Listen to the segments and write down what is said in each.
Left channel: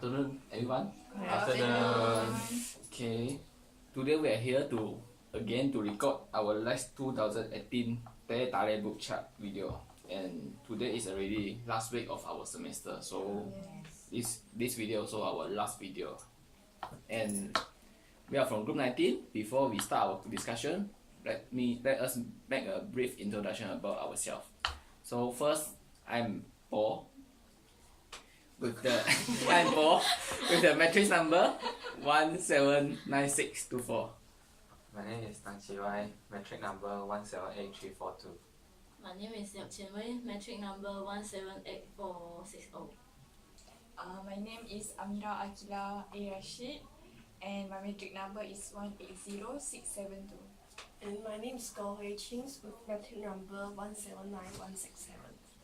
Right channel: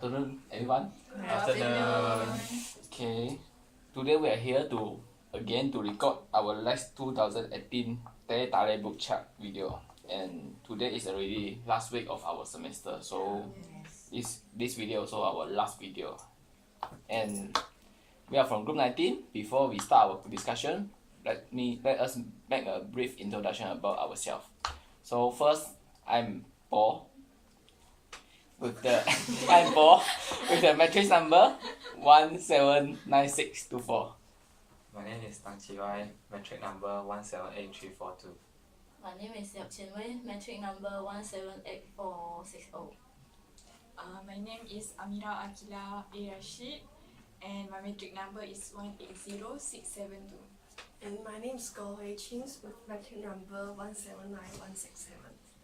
afternoon, everyone. Good afternoon. Okay, today we are here to record our last 2018 Tare book chart video, and today is already last week of our semester, so this video also our last video, and we are from group 19. Before we start our discussion, let us make a brief introduction about ourselves. So first, I'm Paul. With the matrix number 179624. My name is Tang Qilai, metric number 178342. My name is Yap Chin Wei, metric number 178460. My name is Amira Akila A. Rashid, and my metric number is 180672. And my name is Goh Hui Chins with metric number 179167.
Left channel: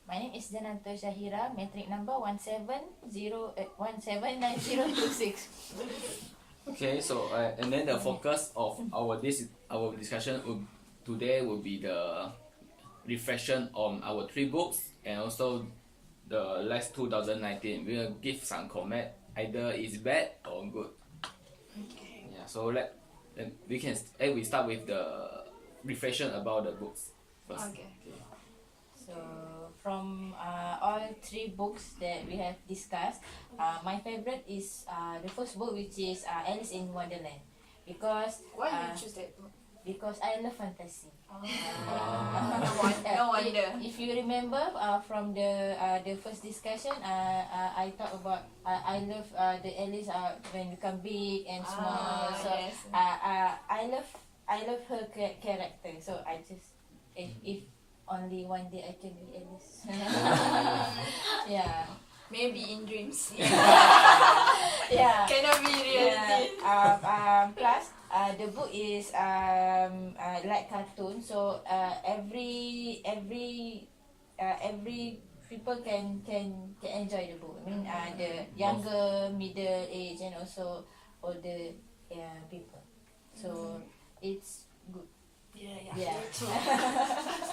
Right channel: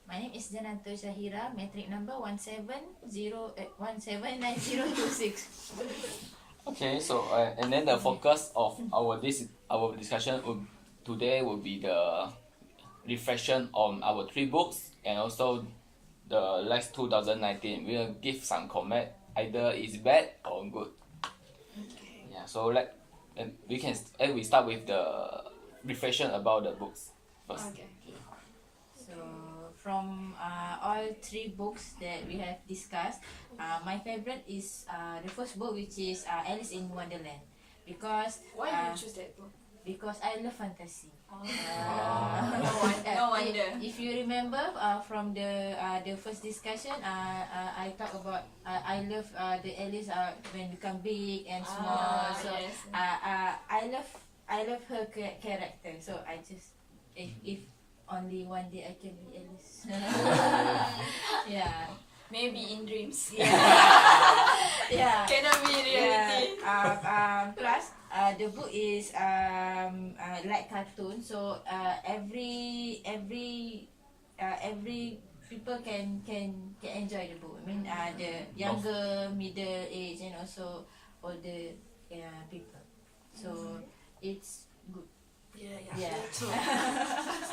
My name is Jananto Shahira, metric number 179026. Okay, so and then the focus of our discussion today will be the reflection on our 3 books and also the last 2019. We will give some comment, either is bad or good. Okay. Yeah, so we start with the reflection about the books first. Okay. So from all 3 books that we have discussed, my favorite is the first book, which is Alice in Wonderland, because Why did you choose that book? because I love fantasy. No wonder. If you remember from the first discussion, I talk about I love the Alice when become big and small. So yes. I love her character. So I just if only one day I can be Alice. Yeah. Maybe in dreams. Yeah. Cannot be reality. Plus, the book is like cartoon, so every people can enjoy the book. I mean, the younger, middle age, and also older people. So it's good. Yeah. True.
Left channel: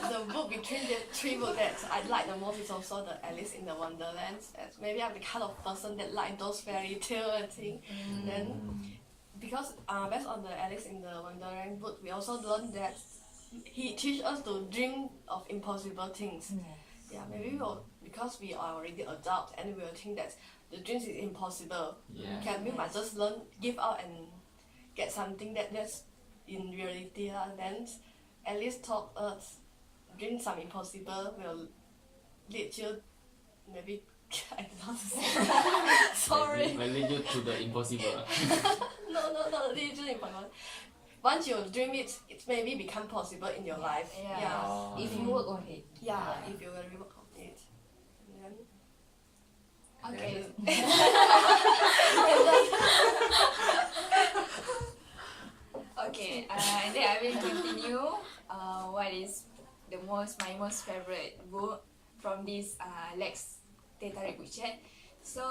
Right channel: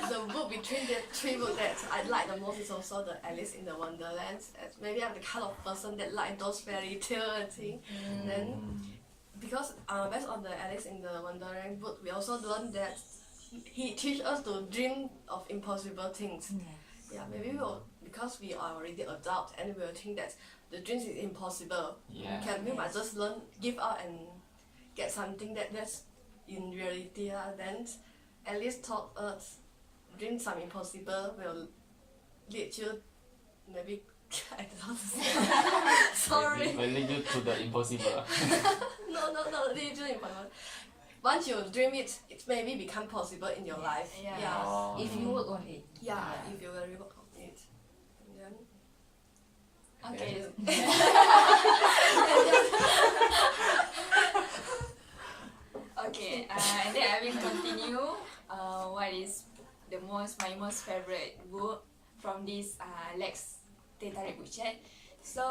The book between the 3 books that I like the most is also the Alice in the Wonderland. As maybe I'm the kind of person that like those fairy tale and thing. Then because based on the Alice in the Wonderland book, we also learned that he teaches us to dream of impossible things. Yeah, maybe because we are already adult and we will think that the dreams is impossible. We might just give up and get something that's in reality. Then Alice taught us dream some impossible will lead you maybe I don't know how to say. Sorry. Will lead you to the impossible. No, lead you impossible. Once you dream it maybe become possible in your life. Yeah. If you work on it. Yeah, if you really work on it. And then Okay. Okay, and then I will continue what is my most favorite book from this LAX2018 book chat. So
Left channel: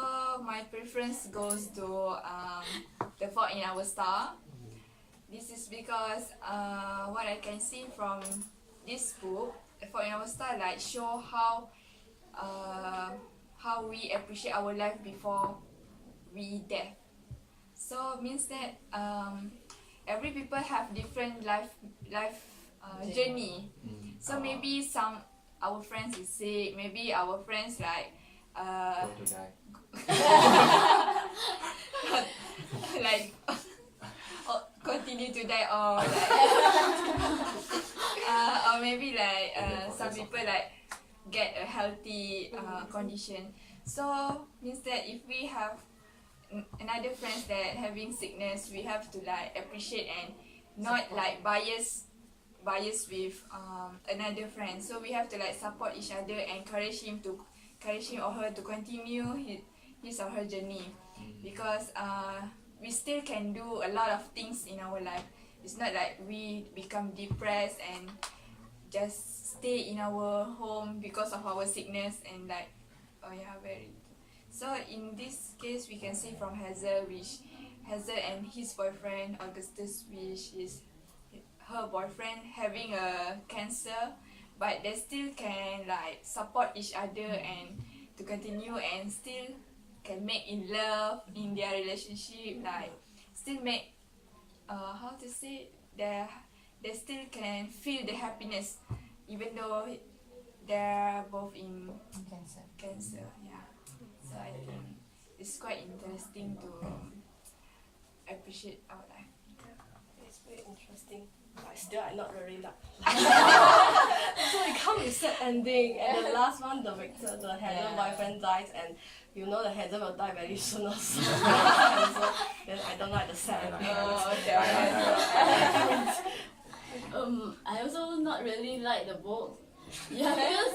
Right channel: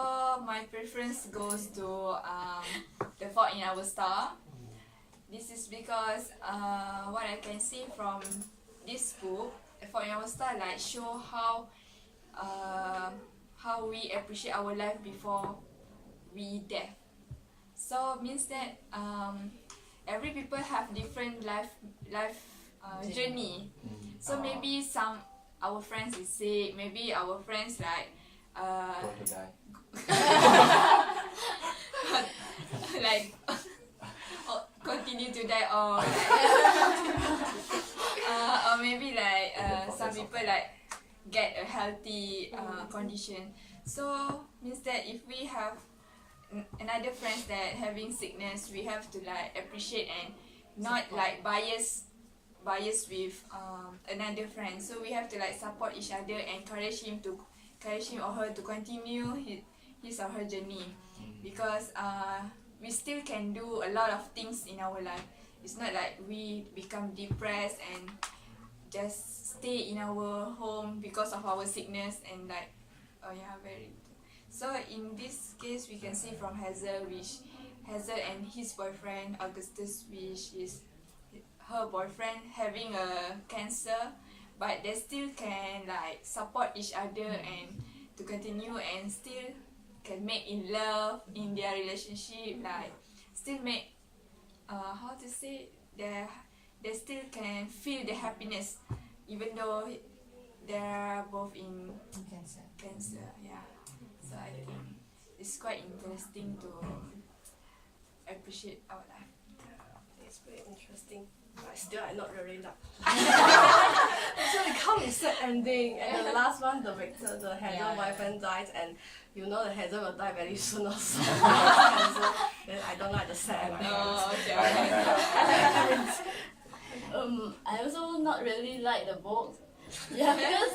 my preference goes to The Fault in Our Star. This is because what I can see from this book, The Fault in Our Star, like show how we appreciate our life before we death. So means that every people have different life journey. So maybe our friends is sick, maybe our friends like Going to die. like continue to die, or like or maybe like some people like get a healthy condition. So means that if we have another friends that having sickness, we have to like appreciate and not like bias with another friend. So we have to like support each other and encourage him or her to continue his or her journey, because we still can do a lot of things in our life. It's not like we become depressed and just stay in our home because of our sickness and like so in this case we can see from Hazel and his boyfriend Augustus, which is her boyfriend, having a cancer, but they still can like support each other and to continue and still can make in love in their relationship, like still make how to say, they still can feel the happiness even though they're both in cancer. Yeah, so I think it's quite interesting to appreciate our life. It's very interesting. But still, I not really like. So it come with sad ending, and the last one, the Victor, the Hazel boyfriend died, and you know the Hazel will die very soon also. Then I don't like the sad ending. Oh, okay. I also not really like the book. Yeah, because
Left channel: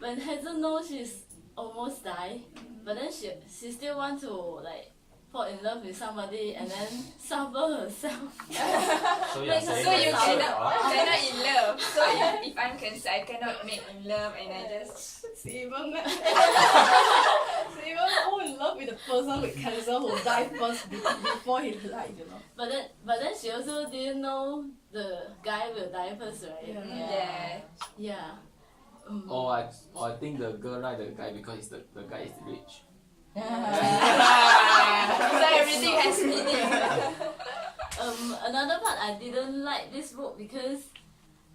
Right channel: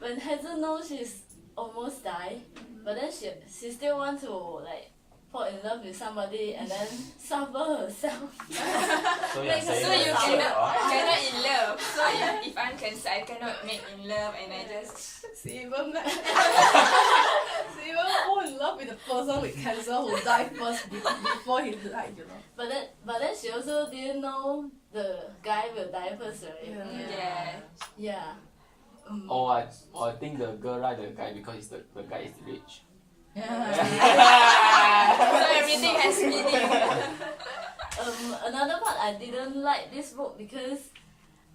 when Hazel knows she's almost died, but then she still want to like fall in love with somebody and then suffer herself. So Make you're her So you suffer. cannot in love. So if I'm cancer, I cannot make in love, and I just She even fall in love with the person with cancer who died first before he died, you know. But then she also didn't know the guy will die first, right? yeah. Yeah. Or I think the girl like the guy because the guy is rich. So everything has meaning. Another part I didn't like this book because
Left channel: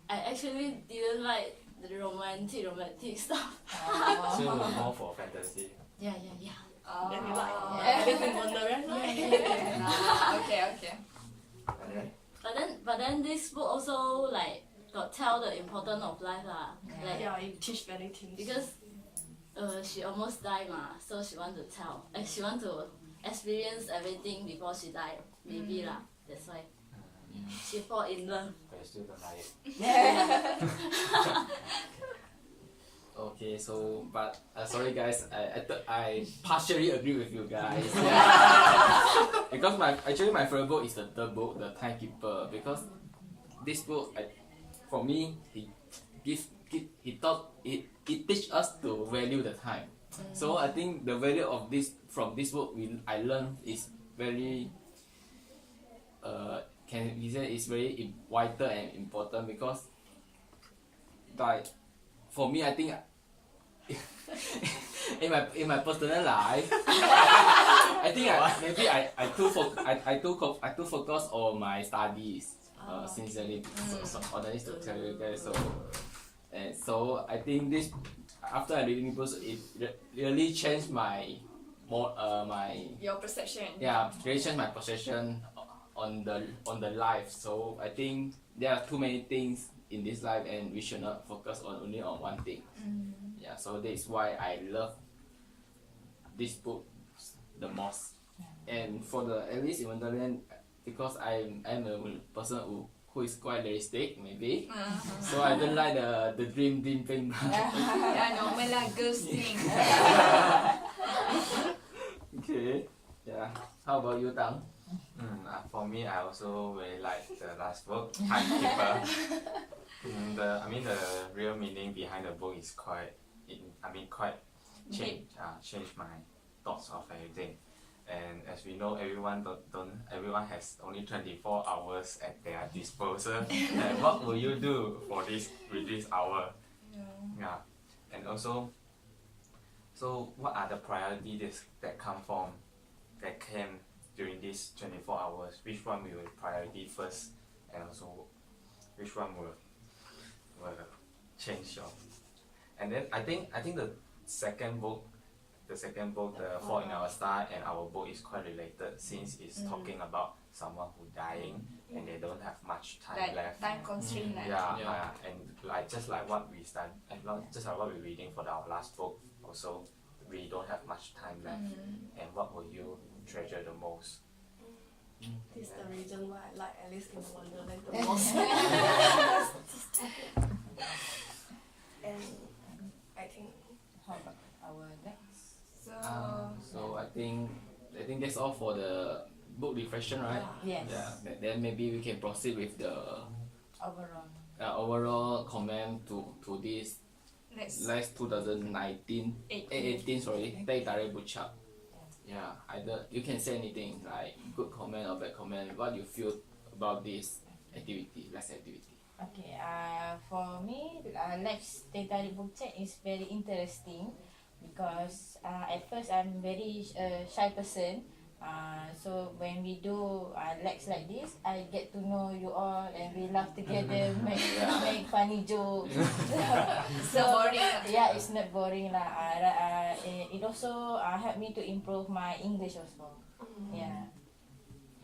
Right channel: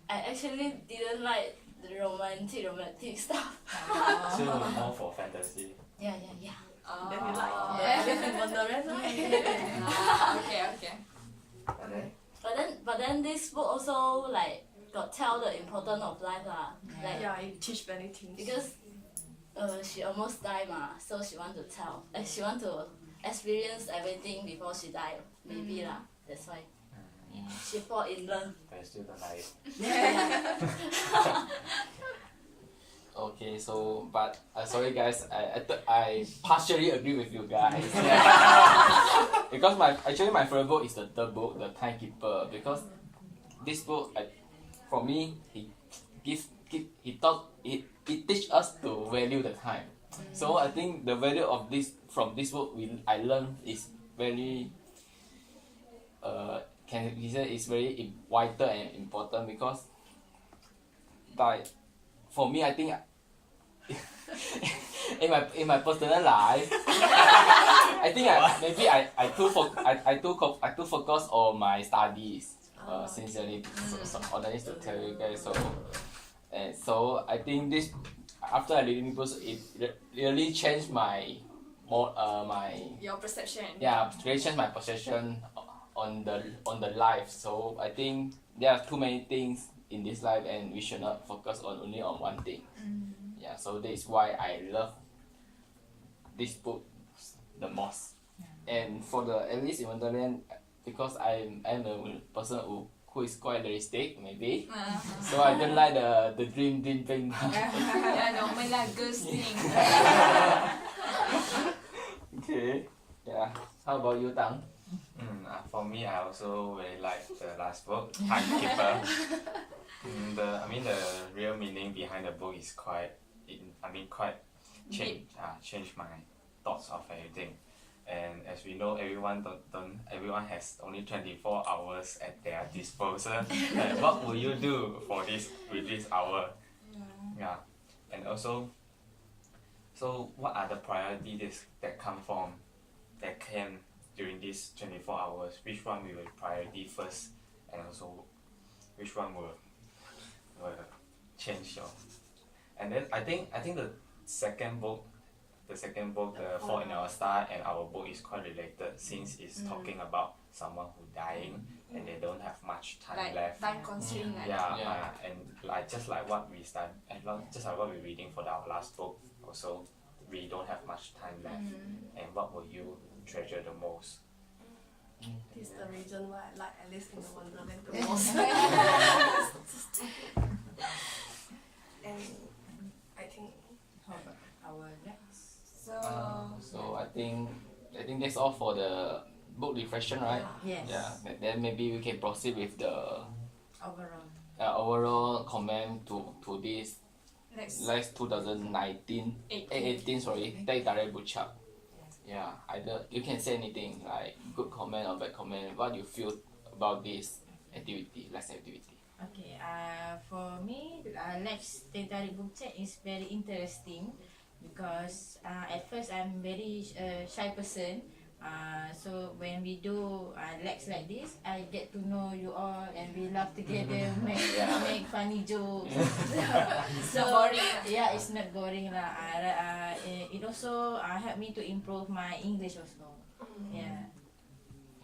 I actually didn't like the romantic stuff. So you're more for fantasy. Yeah. Then you like the Alice in Wonderland, right? Okay. But then this book also like got tell the importance of life lah. Like Yeah, it teach many things. because she almost died ma, so she want to tell. She want to experience everything before she died. Maybe lah. That's why she fall in love. But you still don't like it. Okay, so but sorry guys, I partially agree with you guys. Because my favorite book is the third book, The Timekeeper, because this book for me it teach us to value the time. So I think the value of this from this book I learned is very can we say it's very vital and important because like for me I think in my personal life I think I too focus on my studies sincerely so honest to tell you guys so I think this after I reading books it really changed my Your perception. yeah really changed my perception on the life. So I think there are too many things in this life and we should not focus only on one thing. Yeah, so that is why I love this book the most. And for the Alice in Wonderland, because I'm a person who is quite realistic maybe, so I don't like the dream thing. Yeah, normal lah, girls thing. Okay, yeah. How about you, Tang? For me, I also really like the last book, Timekeeper. The real meaning behind the book is quite changed my thoughts of everything. And as we know, everyone everyone has only 24 hours at their disposal. And what will you do with this hour? Yeah. And also, so what are the priorities that came during these 24 hours? Which one we will priority first, and also which one will change your? And then I think the second book, The Fault in Our Star, and our book is quite related since it's talking about someone who dying and they don't have much time left. Time constraint. And just like what we study, and just like what we're reading for our last book, also we don't have much time left. And what will you treasure the most? This is the reason why I like Alice in the Wonderland the most. And I think Our next. So I think that's all for the book reflection, right? Yes. Yeah. Then maybe we can proceed with the Overall. comment to this Next 2019 18 sorry, Teh Tarik Book Club. Yeah, either you can say anything like good comment or bad comment. What you feel about this activity, last activity? Okay. For me, Teh Tarik Book Chat is very interesting because at first I'm very shy person. So when we do legs like this, I get to know you all and we laugh together, make funny jokes. It's not boring. Yeah, it's not boring lah. It also helped me to improve my English also. Yeah.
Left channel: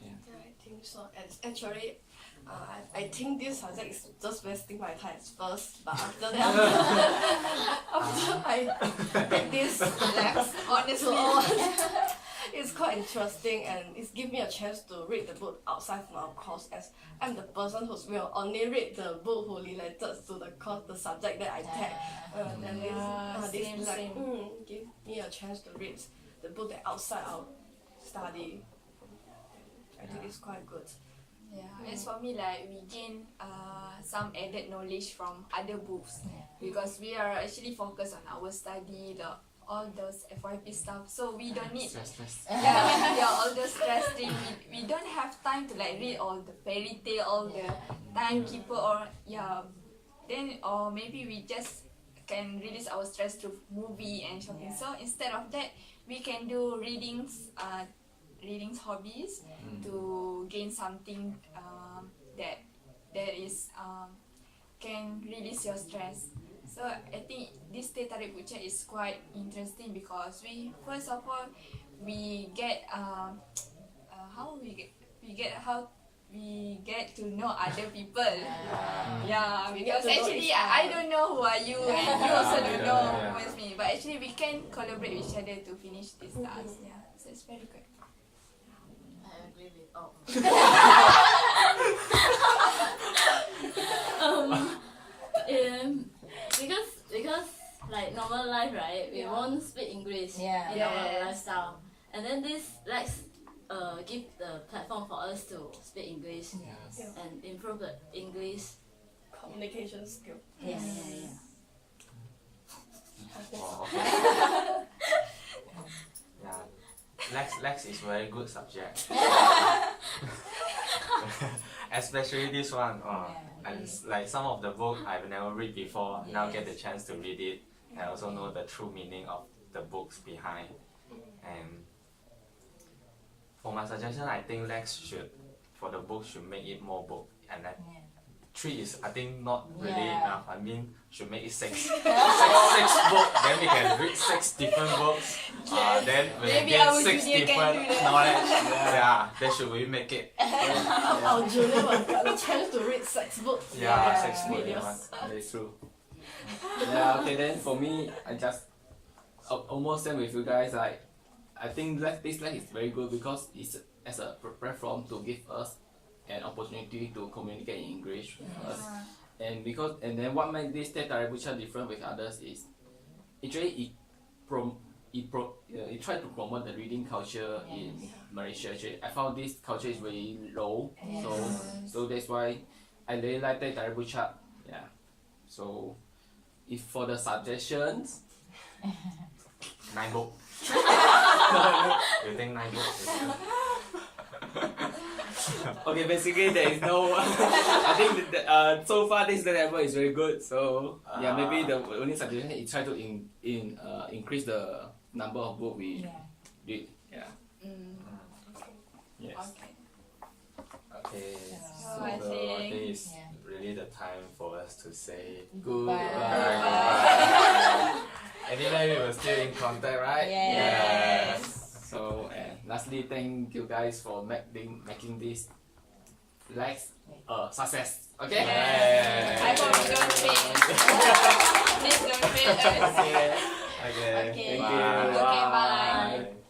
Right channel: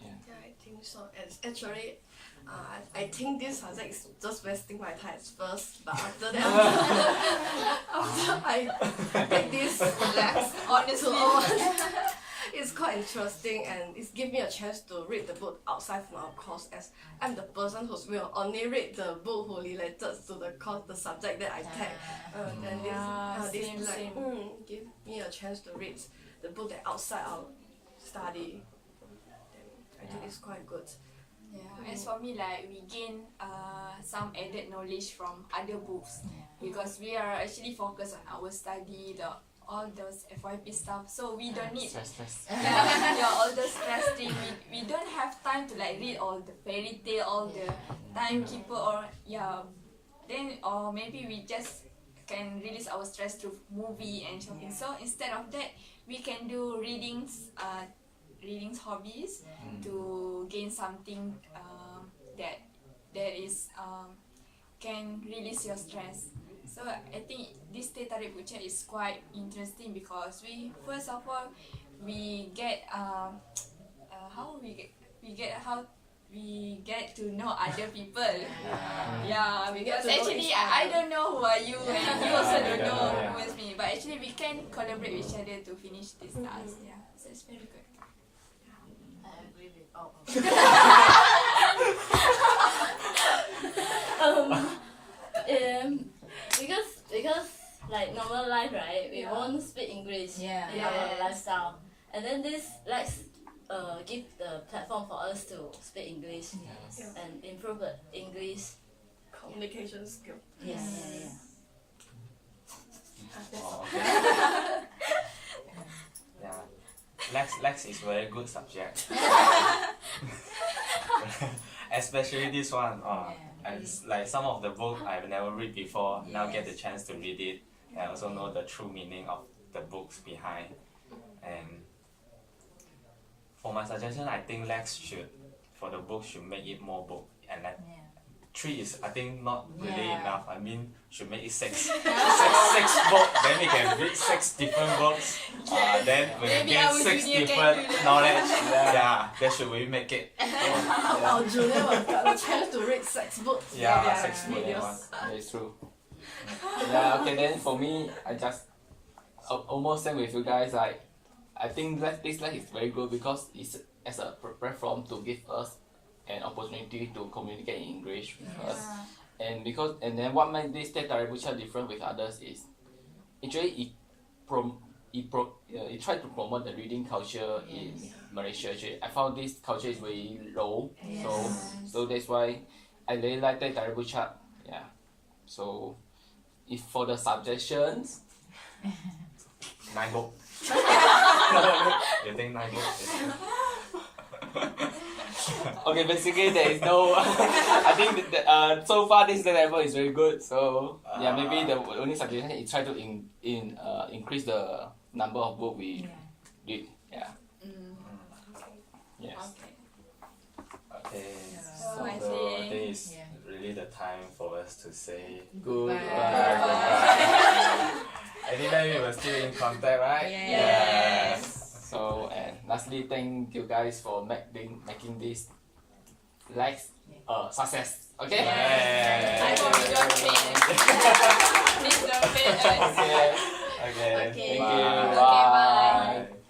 Yeah, I think so. It's actually, I think this subject is just wasting my time at first, but after that, after I get this relax, honestly, it's quite interesting and it's give me a chance to read the book outside from our course, as I'm the person who will only read the book who related to the course, the subject that I take. Then this like, give me a chance to read the book that outside our study. I think it's quite good. Yeah, as for me, like we gain some added knowledge from other books because we are actually focused on our study, all those FYP stuff. So we don't need all those stress thing. We don't have time to like read all the fairy tale, all the timekeeper or then or maybe we just can release our stress through movie and shopping. So instead of that, we can do readings hobbies to gain something that is can release your stress. So I think this Teh Tarik Book Chat is quite interesting because we first of all we get how we get to know other people. Because actually I don't know who are you and you also don't know who is me, but actually we can collaborate with each other to finish this task. Yeah, so it's very good. I agree with all. Because like normal life, right? We won't speak English in our lifestyle, and then this give the platform for us to speak English and improve the English Communication skill. Yeah. Lex is very good subject. Especially this one. Like some of the book I've never read before. Now get the chance to read it. I also know the true meaning of the books behind. And for my suggestion, I think Lex for the book should make it more book. And then 3 is I think not really enough. I mean, should make it 6. 6 books. Then we can read 6 different books. Then we Maybe get our 6 junior can different do that. knowledge. Then should we make it? Our junior one got the chance to read 6 books. 6 videos. books. That's true. Okay, then for me, I just almost same with you guys. I think this is very good because it's as a platform to give us an opportunity to communicate in English with us. And then what makes this Teh Tarik Book Chat different with others is actually it tried to promote the reading culture in Malaysia. Actually, I found this culture is very low, so that's why I really like Teh Tarik Book Chat. So if for the suggestions, 9 books. You think 9 books? okay, basically there is no. I think that, so far this level is very good. So maybe the only suggestion is try to increase the number of books we read. Yes. Okay. So I I think think it's really the time for us to say Goodbye. Anyway, we were still in contact, right? Yes. So lastly, thank you guys for making this success. Okay. I hope you don't fail. Please don't fail us. Okay. Thank you. Okay, bye. Bye.